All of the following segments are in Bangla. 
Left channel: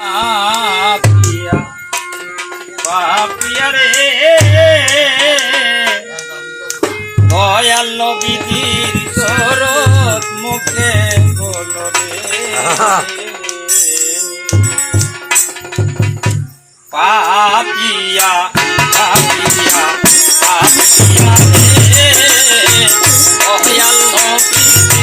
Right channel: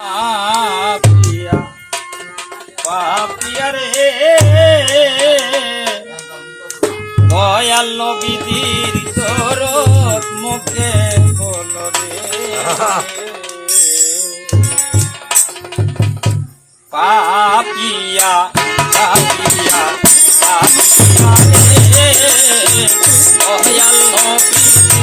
পাপিয়া পাপিয়া রে। দয়াল মুখে বলো পাপিয়া পাপিয়া পাপিয়া রে।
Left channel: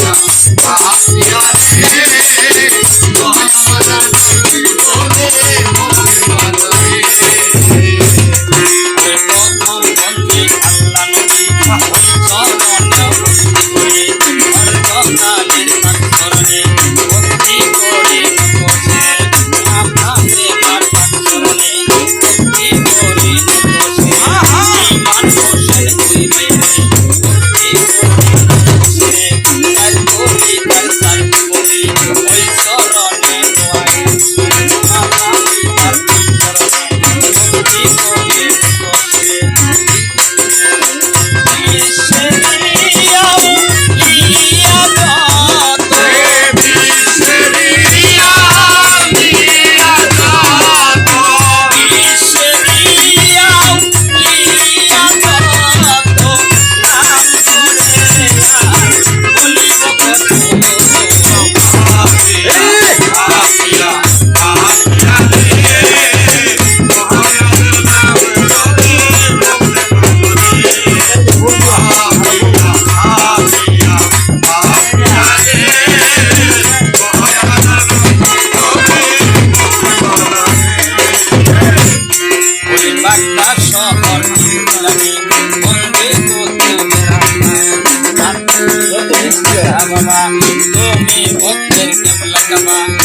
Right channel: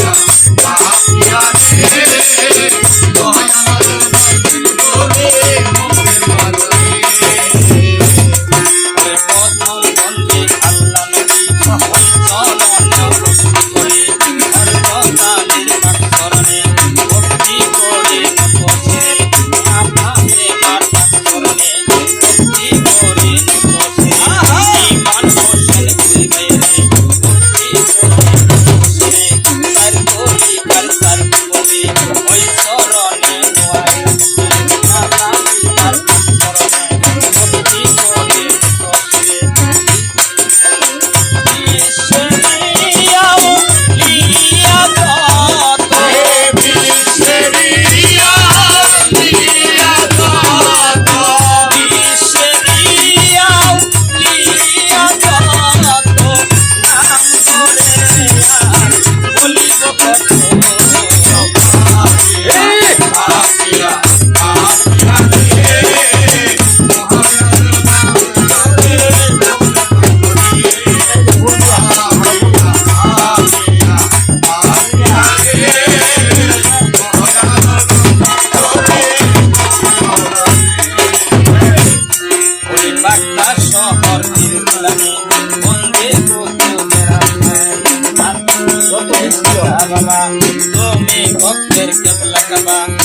Yeah. લકવા ઓ મે ભક્તર કેમ લકવા